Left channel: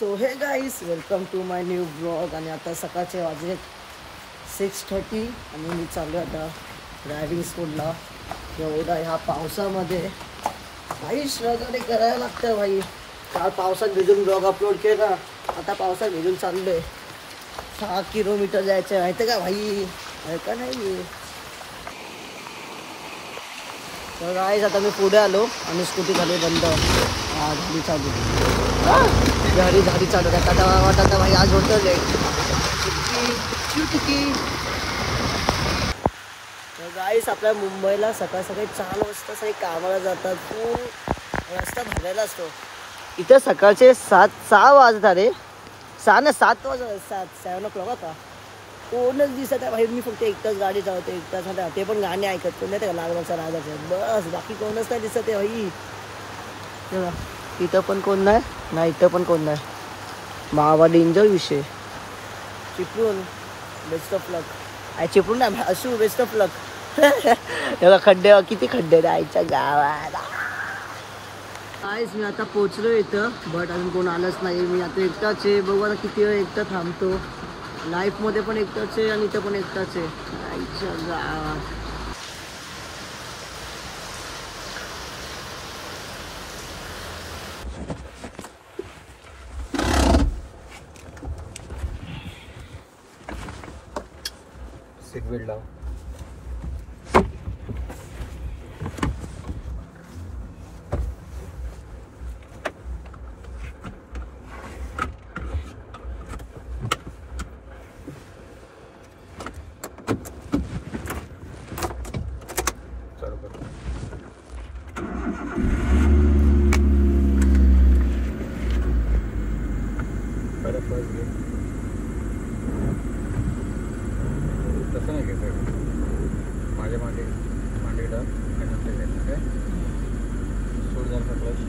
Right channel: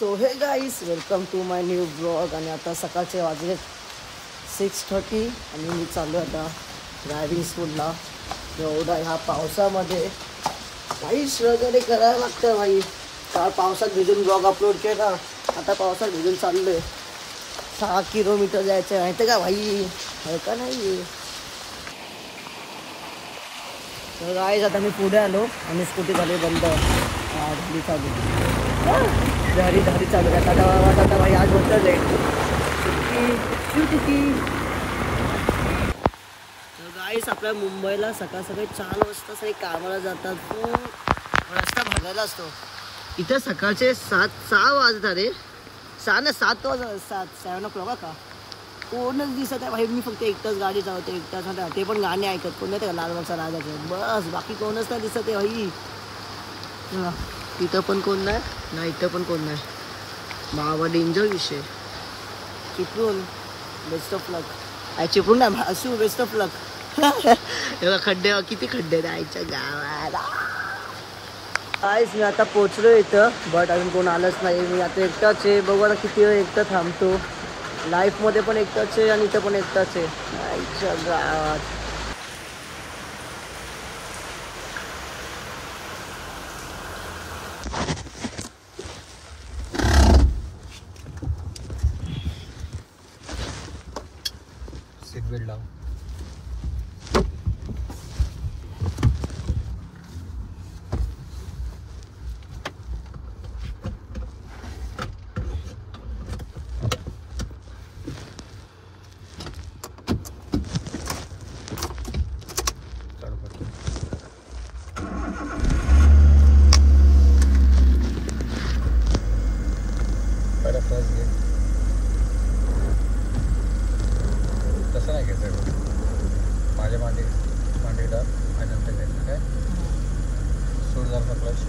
So hey guys, welcome to my new blog. आणि आता सकाळचे वाजले 6:30 आणि मी चाललो आता ड्रायव्हिंग स्कूलला. एवढा ह्या पावसामध्ये भाई स्ट्रगल करायला लागतं भाई. काल पावसात भिजून ब्लॉग अपलोड केला, आता पावसात भिजून चाललो आहे. 6 किलोमीटर जायचं आहे माहिती का भाई, आहे का नाही. तर गाईस आता मी पुढे आलो आणि स्कूटी झाली बंद. धाडी चालू धाडी चालू आता भाई आज होतच आहे. तर गाईस आपल्या मुंबईला सकाळ सकाळी 4 वाजता सगळे कामाला जातात. खूप रस्ता भरलेला असतो. इथं सकाळचे 6 वाजत रे. 7 o'clock का कोणच दिसत आहे भाई. मी फक्त एकटाच गाडी चालवते, एकटाच ते पण गाणे ऐकत. कोण नाही लालबागचा राजाचं बस, बाकी कोणच नाही दिसत आहे भाई. इथं पण कोण नाही ना, इथं पण कोण नाही. बाबा डेंजर विषय. चिपळूण बेस्ट ऑफ लक. चिपळूण नाही असू बेस्ट ऑफ लक. एवढा खड्डे, किती खड्डे राहायच्या गावाला. काहीच मी आता पोचलो इथं, बट अजून कोण आलंच नाही. मी आता एकटाच आहे. बघू आता किती वेळ एकटा थांबतो. लाईफमध्ये पण एकटाच आहे आणि इथं पण एकटाच आहे आईच्या गावात. सीट बेल्ट लाव. तसं नाही घ्यायचं, माझ्या मांडीला आणि नंतर घ्यायचं काय. सोड झाला क्लच,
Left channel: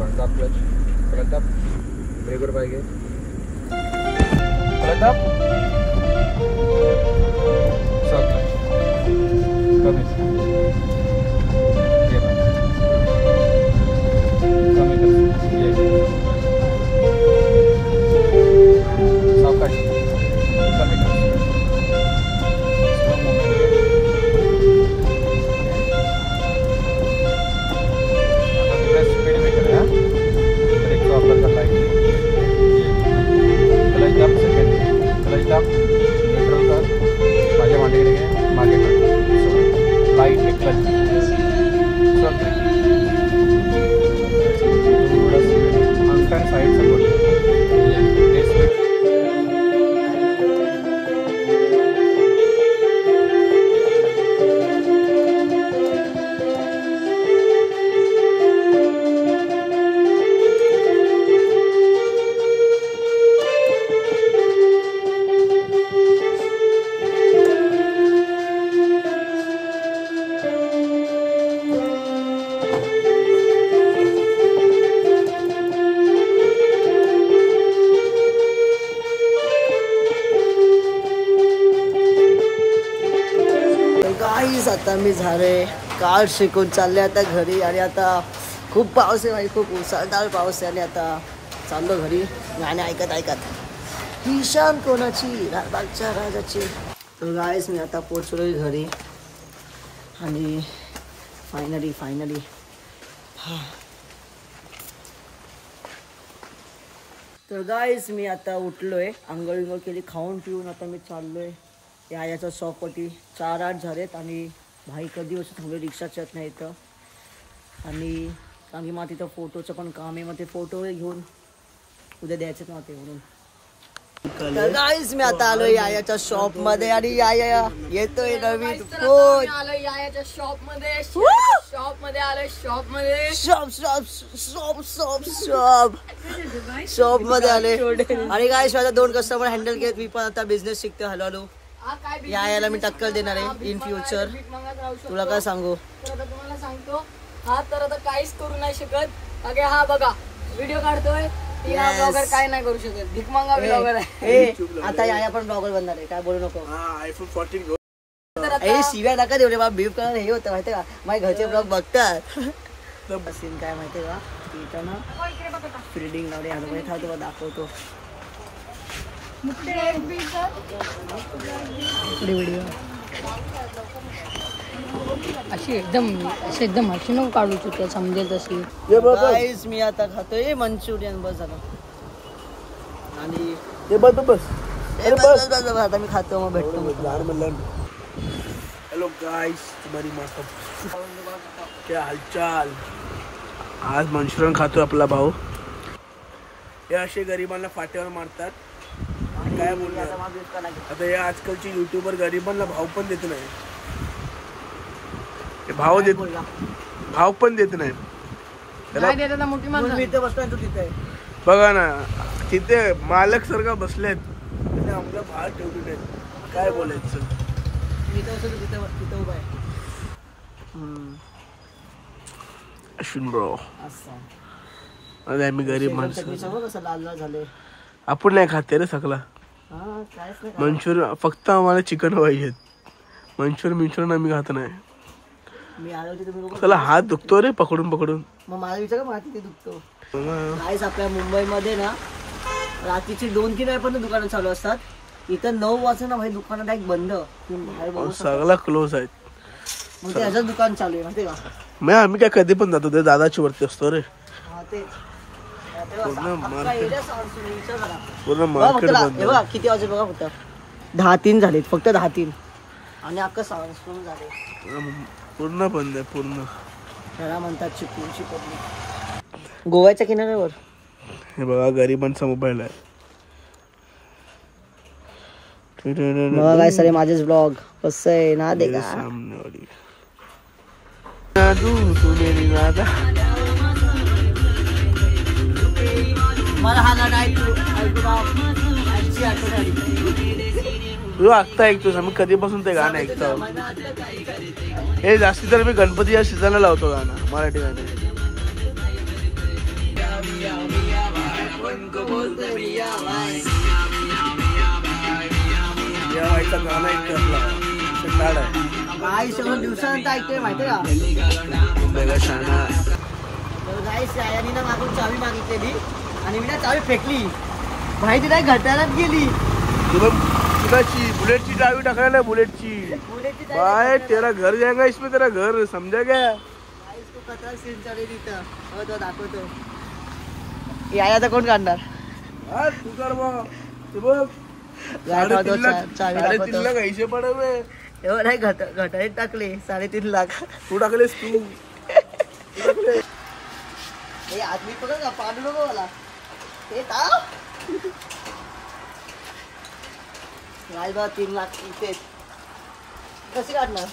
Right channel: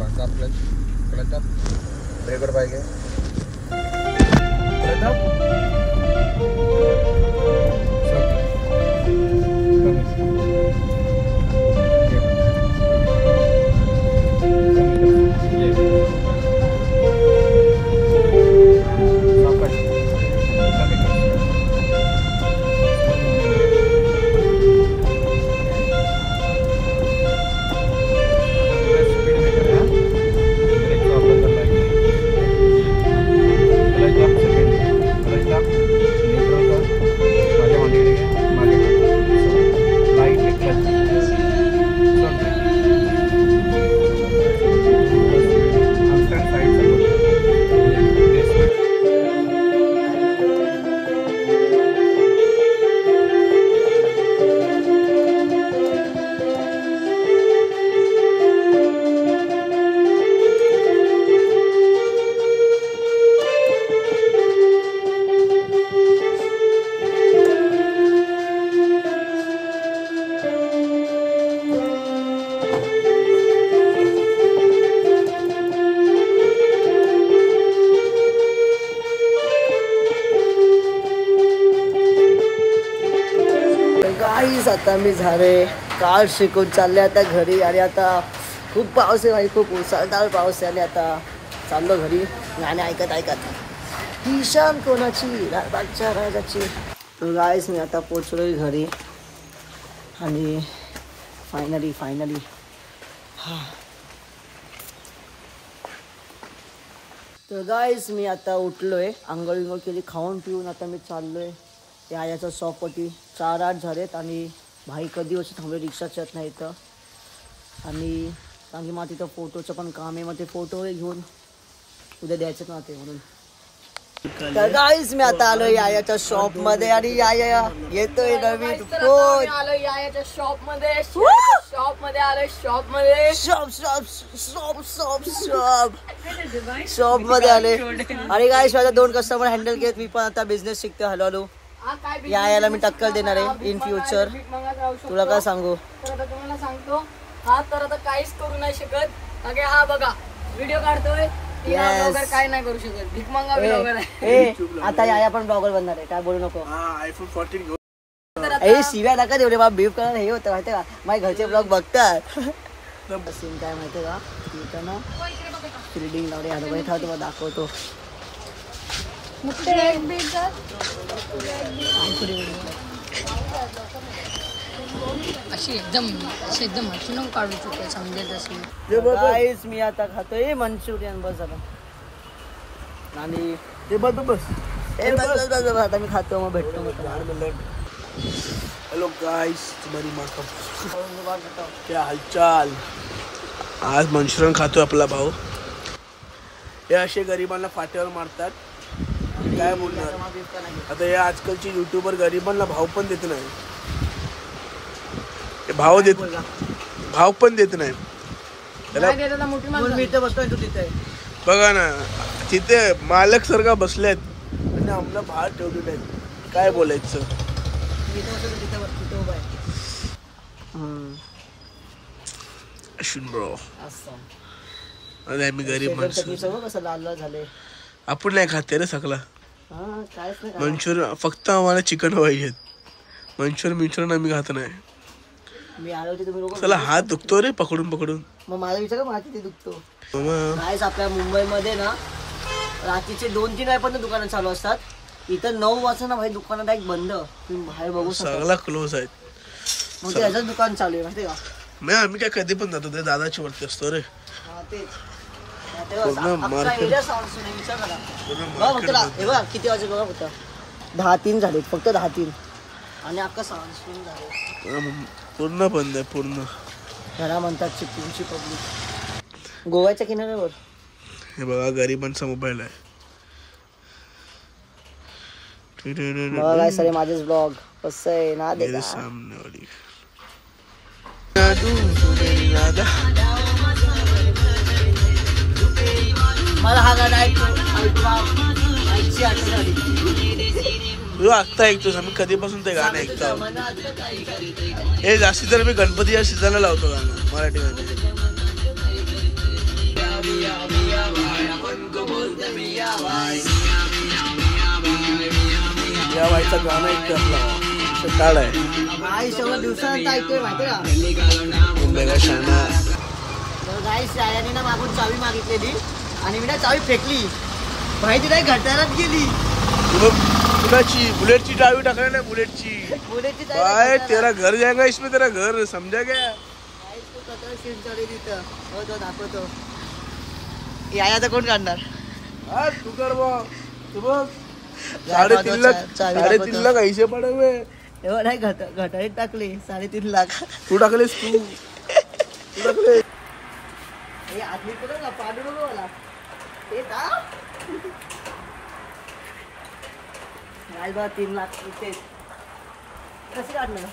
बंका क्लच, क्लच अप, ब्रेकर पाहिजे, क्लच अप, आता मी झाले काल शिकून चालले आता घरी. आणि आता खूप पाऊस आहे भाई, खूप मुसळधार पाऊस आहे. आणि आता चाललो घरी गाणे ऐकत ही शान कोणाची, लालबागच्या राजाची. तर गाईस मी आता पोचलोय घरी आणि फायनली तर गाईस मी आता उठलोय, आंघोळ केली, खाऊन पिऊन आता मी चाललोय याच्या शॉपवरती. 4-8 झालेत आणि भाई कधी वर्ष थांबले, रिक्षाच येत नाही इथं. आणि कारण की मला तिथं फोटोचं पण काम आहे, मग ते फोटो घेऊन उद्या द्यायचं ना ते म्हणून. तर गाईस मी आता आलोय याच्या शॉप मध्ये आणि या येतोय नवीन फोन. याच्या शॉप मध्ये आलोय शॉप मध्ये आले. आणि गाईस माझा 2 कस्टमर हँडल केले. मी पण आता बिझनेस शिकतोय हळूहळू. याला मी टक्कर देणार आहे इन फ्युचर. तुला काय सांगू, तुम्हाला सांगतो हा तर आता काहीच करू नाही शकत. हा बघा व्हिडिओ काढतोय, काय नाही करू शकत. भीक मागा ब्लॉगर आहे. आता या पण ब्लॉगर बनणार आहे, काय बोलू नको. iPhone 14 हे शिव्या नका देऊ रे बाबा. बीफ करा हे होतं माहितीये का, माझे घरचे ब्लॉग बघतात. सीन काय माहितीये का, इथं ना फिल्डिंग लावले आता बैठा तुम्हाला दाखवतो. अशी एकदम अशी नको काढू चुके समजेल तशी. गाईस मी आता खातोय मंचुरियन. बस झालं. आणि बस आता मी खातो मग भेटतो मग तुम्हाला. हेलो गाइस, तुम्हारी माँ का क्या हालचाल. आज मंचुरियन खातोय आपला भाऊ. हे असे गरिबांना फाट्यावर मारतात. काय बोलणार आता हे आजकालचे युट्यूबर गरिबांना भाव पण देत नाही. भाव पण देत नाही त्याला. बघा ना तिथे मालक सारखा बसलेत आपला भाव ठेवले. काय बोलायचं. मी तर तिथं उभा आहे. अश्विन ब्रो अरे आम्ही गरीब माणसं. कसं लाल लाल झाले. आपण नाही खाते रे सगळा मंचुरियन. फक्त आम्हाला चिकन पाहिजेत. मंचुरियन आम्ही खात नाही. मी आलो होतो तुम्ही लोक. चला हात दुखतो रे पकडून पकडून. मग मला विचार माझा तिथे दुखतो. गाईस आपल्या मुंबईमध्ये ना रात्रीचे 2-3 वाजेपर्यंत दुकानं चालू असतात. इथं 9 वाजता ना भाई दुकानं डायरेक्ट बंद. सगळा क्लोज आहेत. मग त्याचं दुकान चालू आहे माहिती का. मग आम्ही काय कधी पण जातो ते दादाची वरती असतो रे. पूर्ण मार्केट बंद. किती वाजले बघा फक्त 10-3 झाले. फक्त 10-3 आणि अख्खा सावंतवाडी झाले. पूर्ण बंद आहे पूर्ण. त्याला म्हणतात चिपळूणची पब्लिक. गोव्याच्या किनाऱ्यावर हे बघा गरिबांचा मोबाईल आहे. काय सारे माझेच ब्लॉग कसं आहे ना. मेरे सामने वाली तू मेरी नादा. मला हा गाणं ऐकतो तू आत्ता ऐकतोस. आम्ही कधीपासून ते गाणं ऐकतो. हे जास्ती तर मी गणपतीच्या सीझनला लावतो गाणं मराठी गाणे. या बाईचा गाणं ऐकतो आपला काळ आहे. दिवसानंतर ऐकतोय माहिती का. मुंबईला शाना. गाईस याने ना मागून चावी मागितलेली आणि मी ना चावी फेकली. माहिती नाही घटारात गेली. कुणाची बुलेटची चावी टाकलेली आहे. बुलेटची बाय तेरा घर जाएगा इसमें. तेरा घर समजा क्या. तू कचरा सीन चालू तिथं तो दाखवतो. याया तर कोण काढणार. तू कर बघ. चावी दाखवतो. कैसे पडावे एवढं नाही घटारीत टाकले 3.5 लाख. तू टाकलेस. तू टाकले. हे आदमी बघा पाडू नको मला. हे राज 3 लाख इथे कशी काढणार.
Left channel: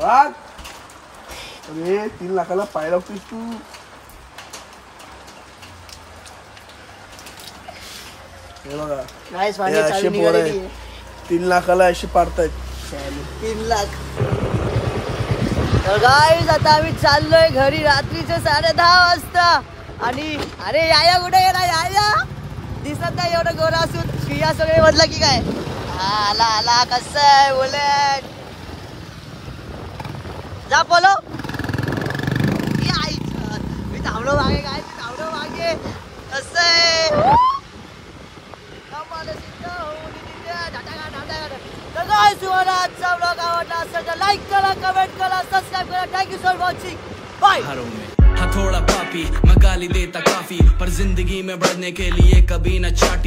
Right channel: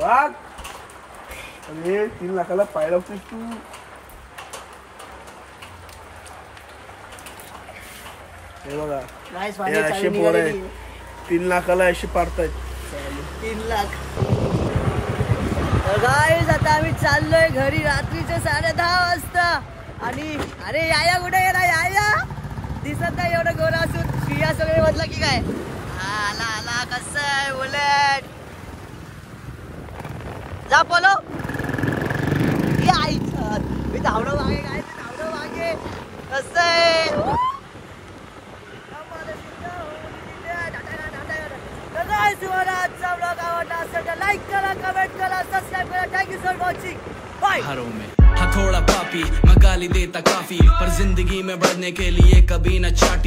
वाघ 3 लाखाला पाय लागतोस तू. हे बघा असे पोर आहे 3 लाखाला अशी पाडतायत. 3 लाख. तर गाईज आता आम्ही चाललोय घरी रात्रीचे 10:30 वाजता. आणि अरे याया कुठे गेला. याया दिसत नाही एवढं गोरा असून. पिया सगळे म्हटलं की काय. आला कसं आहे बुलेट. जा बोलो. मी धावणं मागे काय. धावणं मागे कसं आहे. आजचा ब्लॉग आवडला असेल तर लाईक करा, कमेंट करा, सबस्क्राईब करा. Thank you for watching. बाय. हाँ थोड़ा पापी मैं गाली देता काफी, पर जिंदगी में बढ़ने के लिए कभी न चाटी.